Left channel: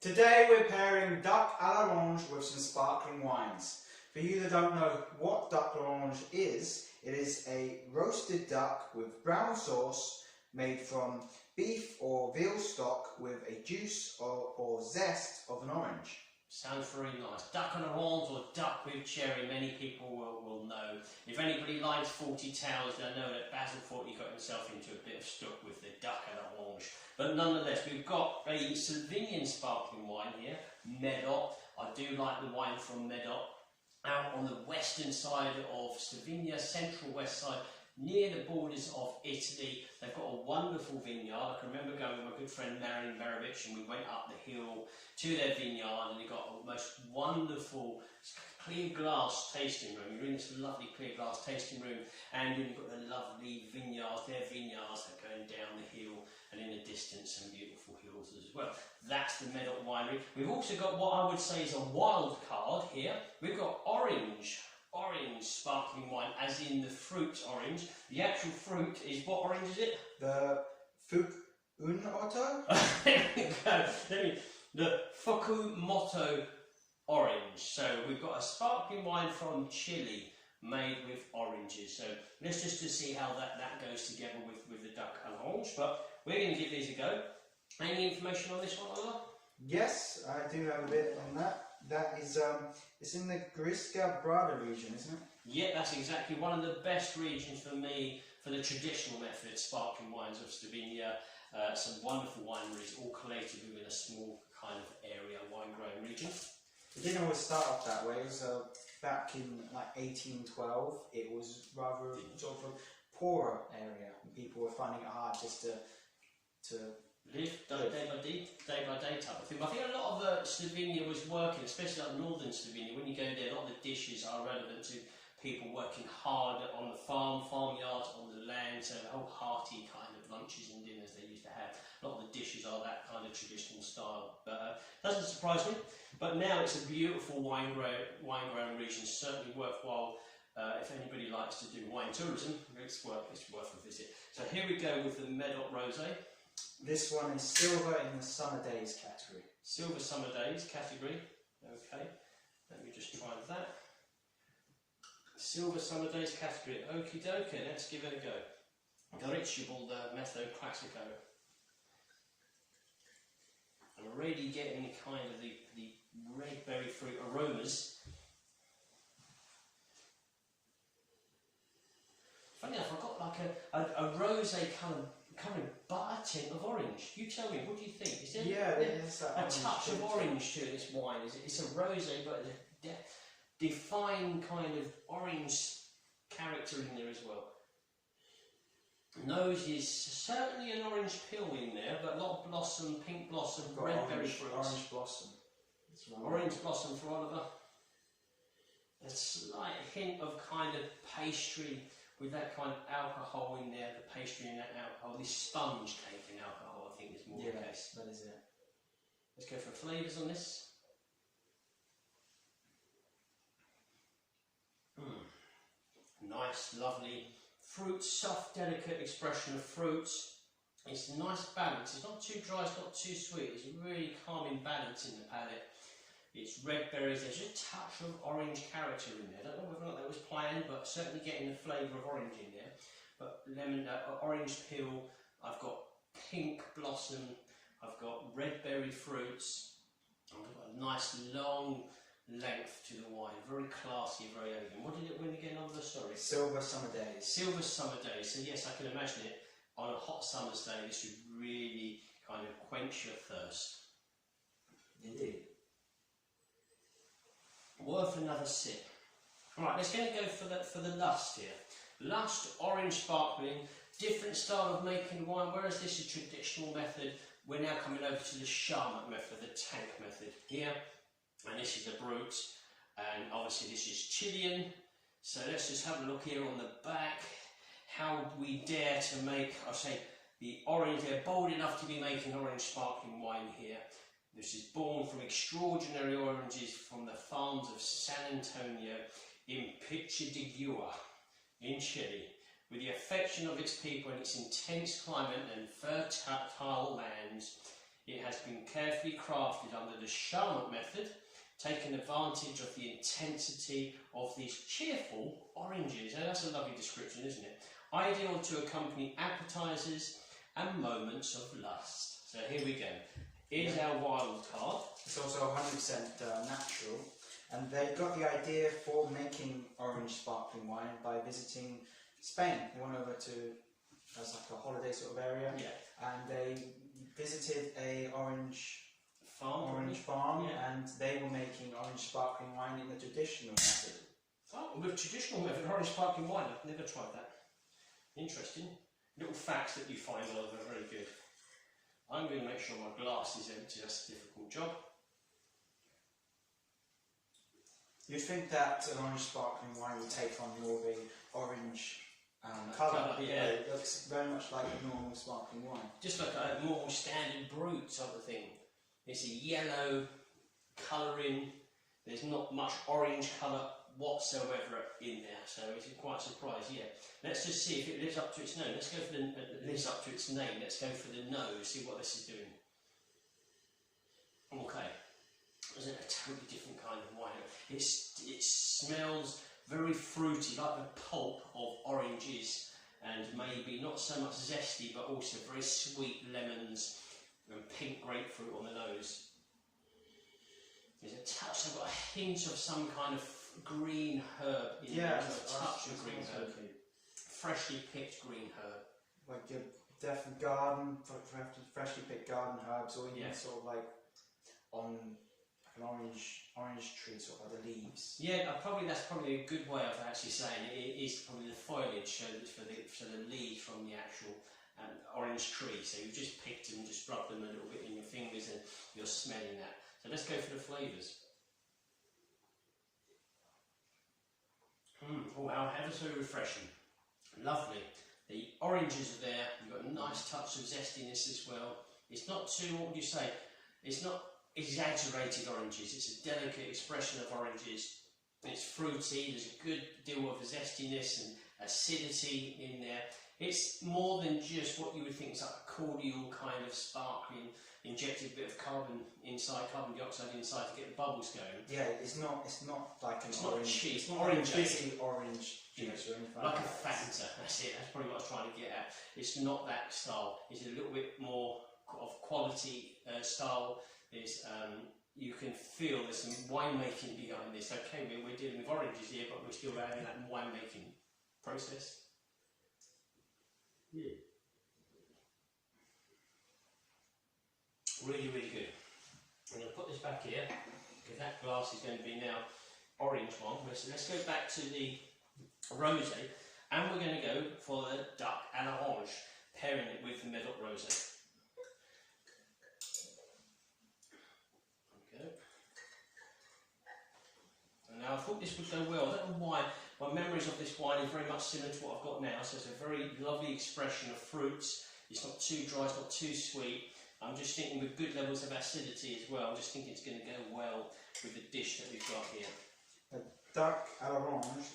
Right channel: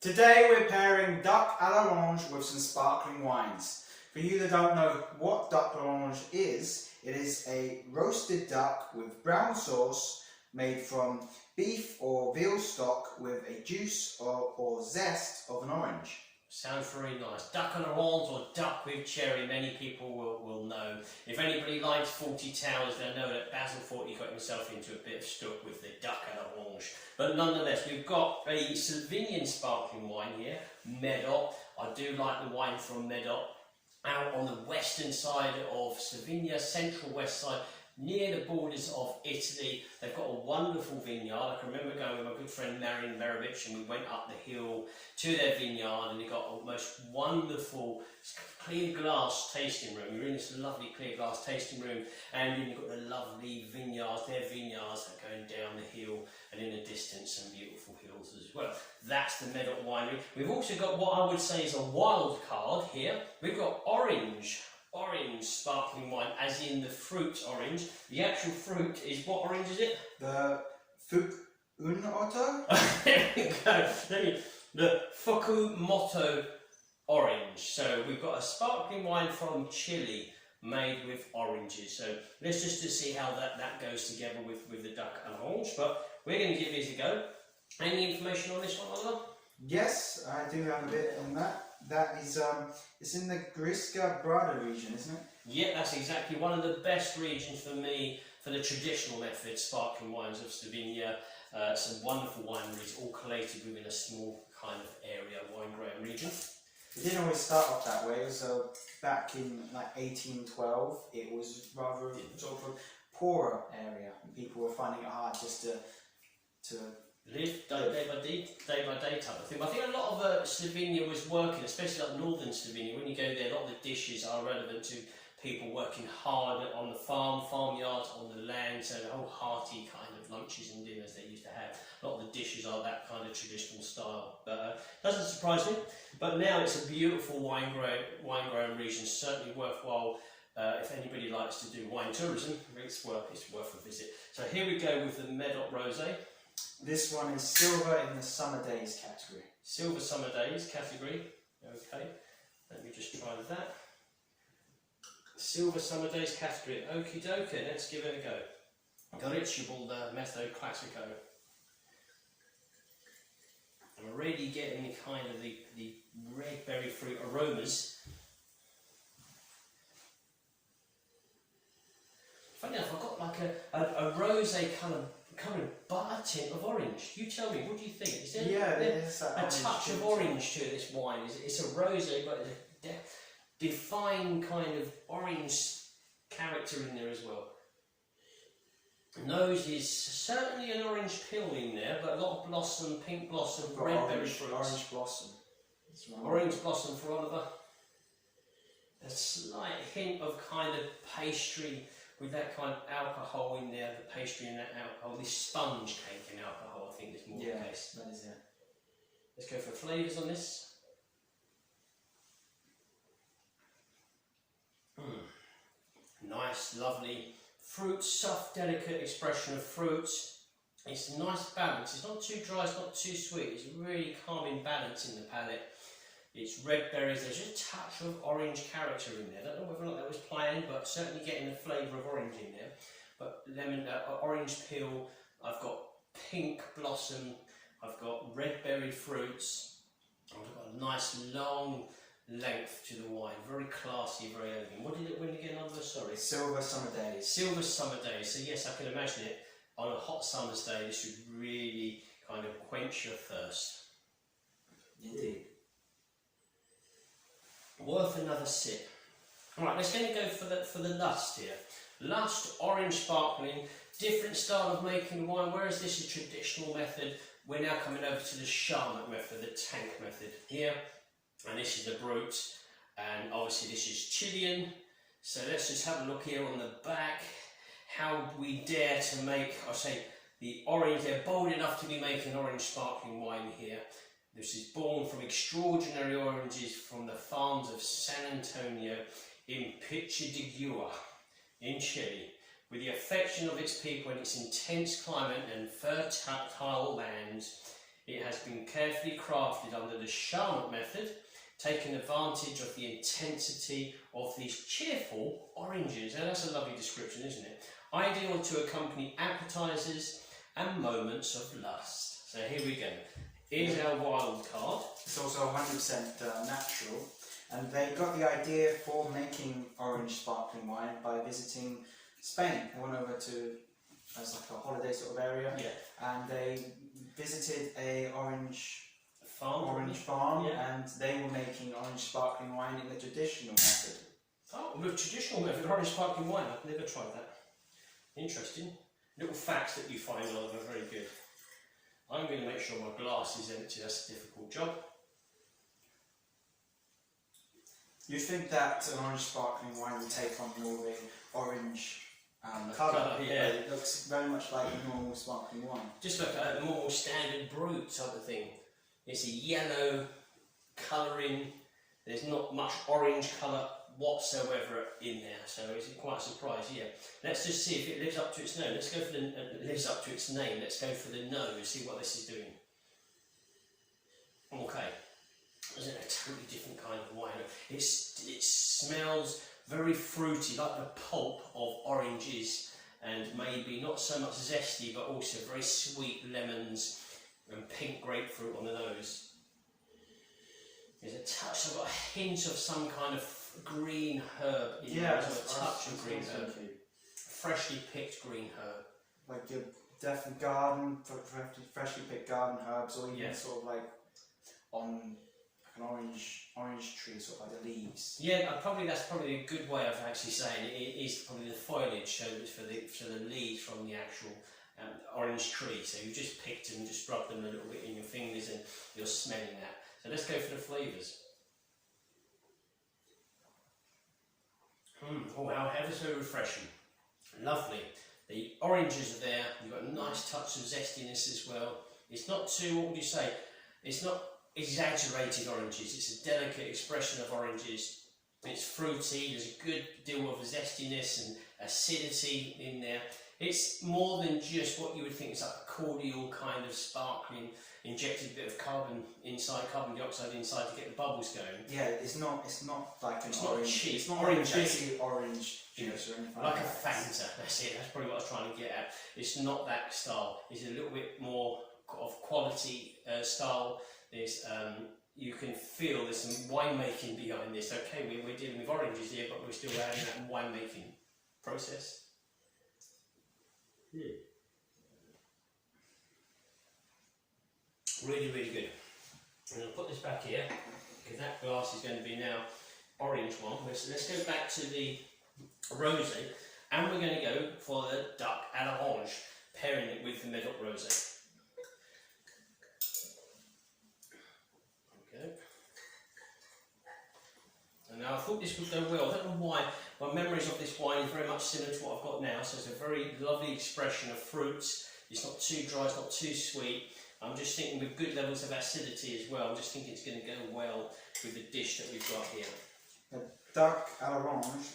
Today we're pairing Duck à l'Orange with some sparkling wines. For you that don't know what Duck à l'Orange is, it is a roasted duck with brown sauce made from beef or veal stock with a juice or zest of an orange. Sounds very nice. Duck à l'Orange or duck with cherry, many people will know. If anybody likes 40 Towers, they'll know that Basil thought he got himself into a bit of stuck with the Duck à l'Orange. But nonetheless, we've got a Slovenian sparkling wine here, Medot. I do like the wine from Medot. Out on the western side of Slovenia, central west side, near the borders of Italy. They've got a wonderful vineyard. I can remember going with my good friend Marian Verovic, and we went up the hill to their vineyard, and they got a most wonderful clear glass tasting room. You're in this lovely clear glass tasting room, and you've got the lovely vineyards, their vineyards that are going down the hill, and in the distance some beautiful hills as well. That's the Medot winery. We've also got what I would say is a wild card here. We've got orange sparkling wine, as in the fruit orange. The actual fruit is, what orange is it? The Fukumoto? There we go. The Fukumoto orange. So we've got a sparkling wine from Chile made with oranges. So let's just to see how that goes together with the Duck à l'Orange. But we're going to give these a go. Any information on this one, Oliver? Yes, I do have a bit on that. That is, it's in the Grisca Brada region, isn't it? Yeah, that's exactly one of the best regions for me for the traditional method sparkling wines of Slovenia. Some wonderful wineries, all collated within a small kind of area, wine growing region. It didn't always start off that way. So back in like 1812, it was rather sort of a poorer area. People were finding it hard just to live day by day type of thing. I think a lot of Slovenia was working, especially like northern Slovenia. When you go there, a lot of the dishes are relevant to people working hard on the farmyards, on the land. So the whole hearty kind of lunches and dinners they used to have. A lot of the dishes are that kind of traditional style. But doesn't surprise me. But now it's a beautiful wine growing region. Certainly worthwhile. If anybody likes to do wine tourism, it's worth a visit. So here we go with the Medot Rosé. This one is silver in the summer days category. Silver summer days category. Okay, let me just try that. Silver summer days category. Okie dokie, let's give it a go. Goryczable the Medot Classico. I'm already getting kind of the red berry fruit aromas. Funny enough, I've got like a rosé kind of butter tint of orange. You tell me, what do you think? Is there a touch of orange to this wine? It's a rosé, but a defined kind of orange character in there as well. Nose is certainly an orange peel in there, but a lot of blossom, pink blossom, red berry fruits. Orange blossom. Orange blossom for Oliver. A slight hint of kind of pastry, with that kind of alcohol in there, the pastry and that alcohol, this sponge cake in alcohol, I think is more the case. That is it. Let's go for flavours on this. Nice, lovely fruit, soft, delicate expression of fruits. It's a nice balance. It's not too dry, it's not too sweet. It's really calming balance in the palate. It's red berries, there's just a touch of orange character in there. I don't know whether or not that was planned, but certainly getting the flavour of orange in there. But lemon, orange peel, I've got pink blossom, I've got red berry fruits, I've got a nice long length to the wine, very classy, very elegant. What did it win again, Oliver? Sorry. Silver summer days. Silver summer days. So yes, I can imagine it on a hot summer's day. This would really kind of quench your thirst. Indeed. Worth another sip. Alright, let's go for the Lust here. Lust orange sparkling, different style of making wine, whereas this is traditional method, we're now coming over to the Charmat method, the tank method here. And this is the Brut, and obviously this is Chilean. So let's just have a look here on the back, how we dare to make, I say, the orange. They're bold enough to be making orange sparkling wine here. This is born from extraordinary oranges from the farms of San Antonio in Pichidegua in Chile. With the affection of its people and its intense climate and fertile lands, It has been carefully crafted under the Charlotte method, taking advantage of the intensity of these cheerful oranges. And that's a lovely description, isn't it? Ideal to accompany appetizers and moments of lust. So here we go. Here's our wild card. It's also 100% natural, and they got the idea for making orange sparkling wine by visiting Spain. They went over to, as like a holiday sort of area, and they visited a orange farm, and they were making orange sparkling wine in the traditional method. Oh, with traditional method, orange sparkling wine. I've never tried that. Interesting. Little facts that you find on them are very good. I'm going to make sure my glass is empty. That's a difficult job. You'd think that an orange sparkling wine would take on more of a orange colour. Yeah. It looks very much like a normal sparkling wine. Just like a more standard brut type of thing. It's a yellow colouring. There's not much orange colour whatsoever in there, so it's quite a surprise. Yeah. Let's just see if it lives up to its name. Let's go for the lives up to its name. Let's go for the nose. See what this is doing. Okay. Isn't it a totally different kind of wine? It smells very fruity, like the pulp of oranges, and maybe not so much zesty, but also very sweet lemons and pink grapefruit on the nose. There's a touch, I've got a hint of some kind of green herb in there. There's a touch of green herb. Freshly picked green herb. Like your definitely garden, freshly picked garden herbs, or even sort of like on an orange tree, sort of like the leaves. Yeah, that's probably a good way of actually saying it. It is probably the foliage, so it's for the leaves from the actual orange tree. So you just picked them, just rub them a little bit in your fingers, and you're smelling that. So let's go for the flavours. Oh, how ever so refreshing. Lovely. The oranges are there. You've got a nice touch of zestiness as well. It's not too, what would you say? It's not exaggerated oranges. It's a delicate expression of oranges. It's fruity. There's a good deal of zestiness and acidity in there. It's more than just what you would think is like a cordial kind of sparkling, injected a bit of carbon dioxide inside to get the bubbles going. Yeah, it's not like an orange. It's not orange cheap. Orange juice or anything like a Fanta. That's it. That's probably what I was trying to get at. It's not that style. It's a little bit more of quality style. There's you can feel there's some winemaking behind this. Okay, we're dealing with oranges here, but we're still adding that winemaking process. Really, really good. And I'll put this back here because that glass is going to be now orange one. So let's go back to the rosé, and we're going to go for the duck à l'orange, pairing it with the Medot Rosé. Okay. And now I thought this would go well. I don't know why. My memories of this wine is very much similar to what I've got now. So it's a very lovely expression of fruits. It's not too dry. It's not too sweet. I'm just thinking with good levels of acidity as well. I'm just thinking it's going to go well with the dish that we've got here. The duck à l'orange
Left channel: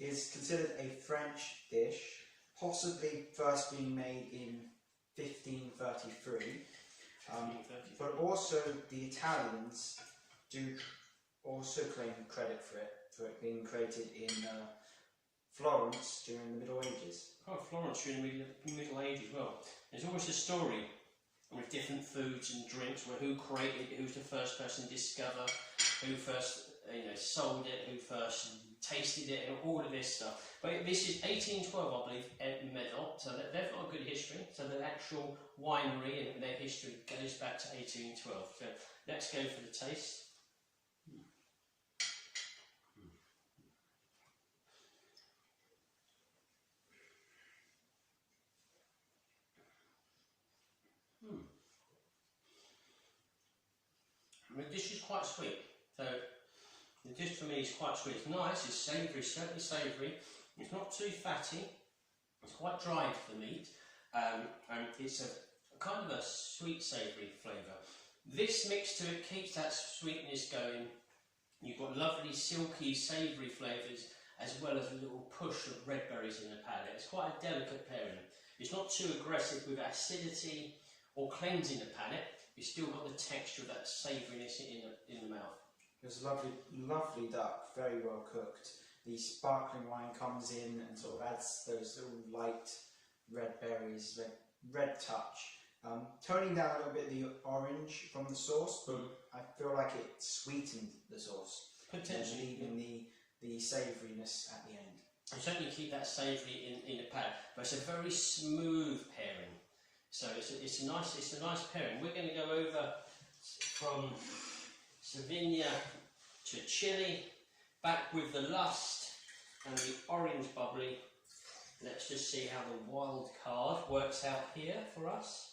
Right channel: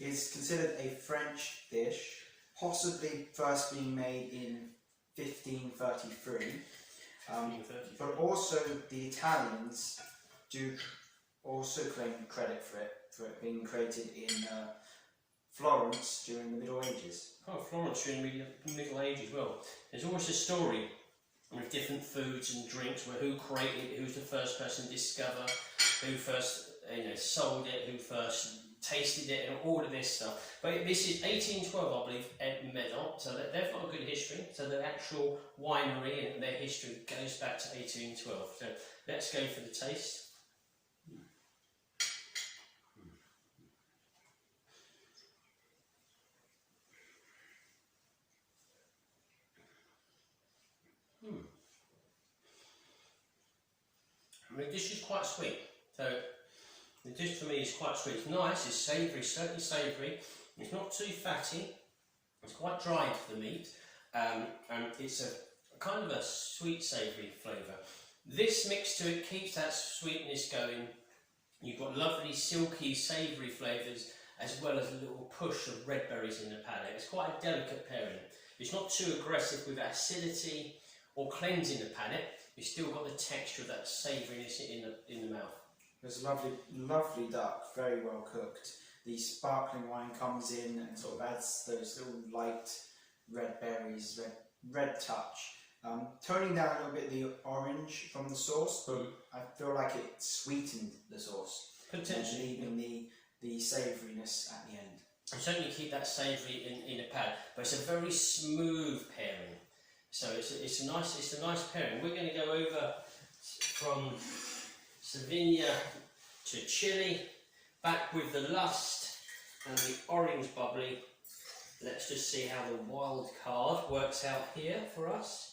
is considered a French dish, possibly first being made in 1533. But also the Italians do also claim credit for it being created in Florence during the Middle Ages. Oh, Florence during the Middle Ages. Well, there's always a story with different foods and drinks, where who created it, who's the first person to discover, who first sold it, who first tasted it, and all of this stuff. But this is 1812, I believe, at Medot, so they've got a good history. So the actual winery and their history goes back to 1812. So let's go for the taste. I mean, the dish is quite sweet. So the dish for me is quite sweet. It's nice, it's savoury, certainly savoury. It's not too fatty. It's quite dry for the meat. And it's a kind of a sweet savoury flavour. This mix to it keeps that sweetness going. You've got lovely silky savoury flavours, as well as a little push of red berries in the palate. It's quite a delicate pairing. It's not too aggressive with acidity or cleansing the palate, you've still got the texture of that savouriness in the mouth. It's a lovely, lovely duck, very well cooked. The sparkling wine comes in and sort of adds those little light red berries, red touch. Toning down a little bit the orange from the sauce, but I feel like it sweetened the sauce. Potentially. And leaving the savouriness at the end. You certainly keep that savoury in the palate, but it's a very smooth pairing. So it's a nice pairing. We're going to go over from Slovenia to Chile, back with the Lust and the Orange Bubbly. Let's just see how the wild card works out here for us.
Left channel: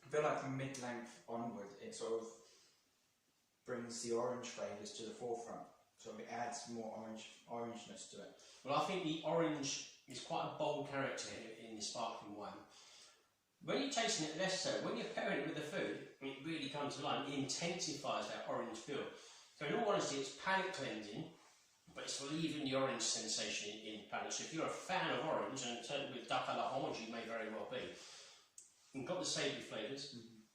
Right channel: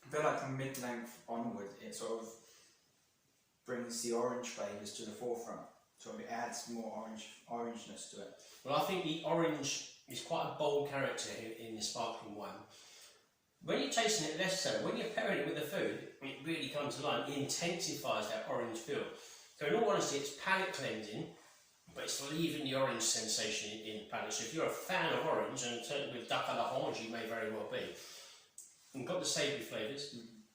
I feel like from mid-length onward, it sort of brings the orange flavours to the forefront. So it adds more orangeness to it. Well, I think the orange is quite a bold character in the sparkling wine. When you're tasting it, less so. When you're pairing it with the food, it really comes to life. It intensifies that orange feel. So in all honesty, it's palate cleansing, but it's leaving the orange sensation in the palate. So if you're a fan of orange, and certainly with duck à l'orange, you may very well be, you've got the savoury flavours.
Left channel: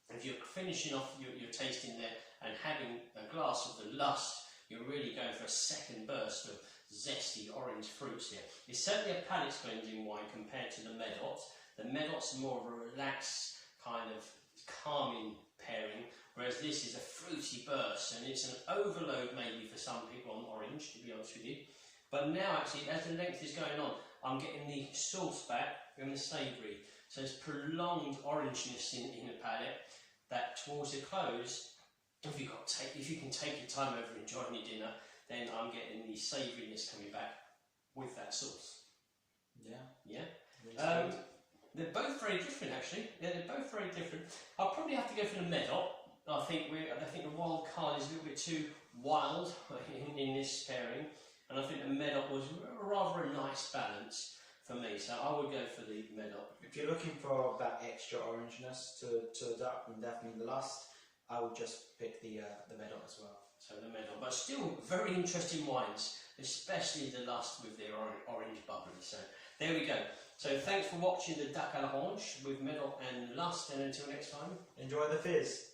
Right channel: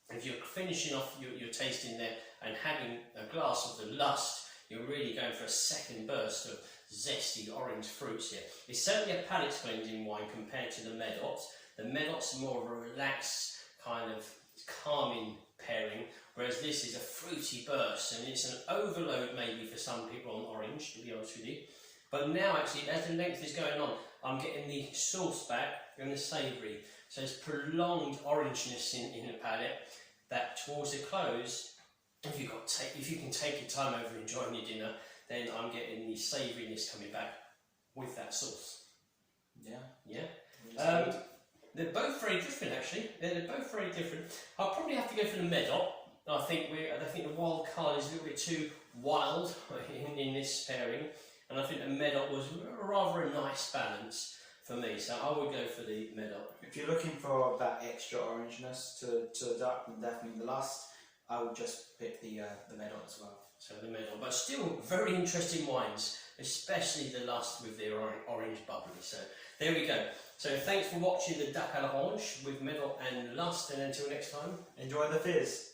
If you're finishing off your tasting there and having a glass of the Lust, you're really going for a second burst of zesty orange fruits here. It's certainly a palate cleansing wine compared to the Medot. The Medot's more of a relaxed, kind of calming pairing, whereas this is a fruity burst, and it's an overload maybe for some people on orange, to be honest with you. But now actually, as the length is going on, I'm getting the sauce back and the savoury. So there's prolonged orangeness in the palate that towards the close, if you can take your time over enjoying your dinner, then I'm getting the savouriness coming back with that sauce. Yeah. They're both very different actually. They're both very different. I'll probably have to go for the Medot. I think the wild card is a little bit too wild in this pairing, and I think the Medot was rather a nice balance for me, so I would go for the Medot. If you're looking for that extra orangeness to the duck, then definitely the Lust. I would just pick the Medot as well. So the Medot, but still very interesting wines, especially the Lust with the orange bubbly. So there we go. So thanks for watching the duck à l'orange with Medot and Lust, and until next time, Enjoy the fizz.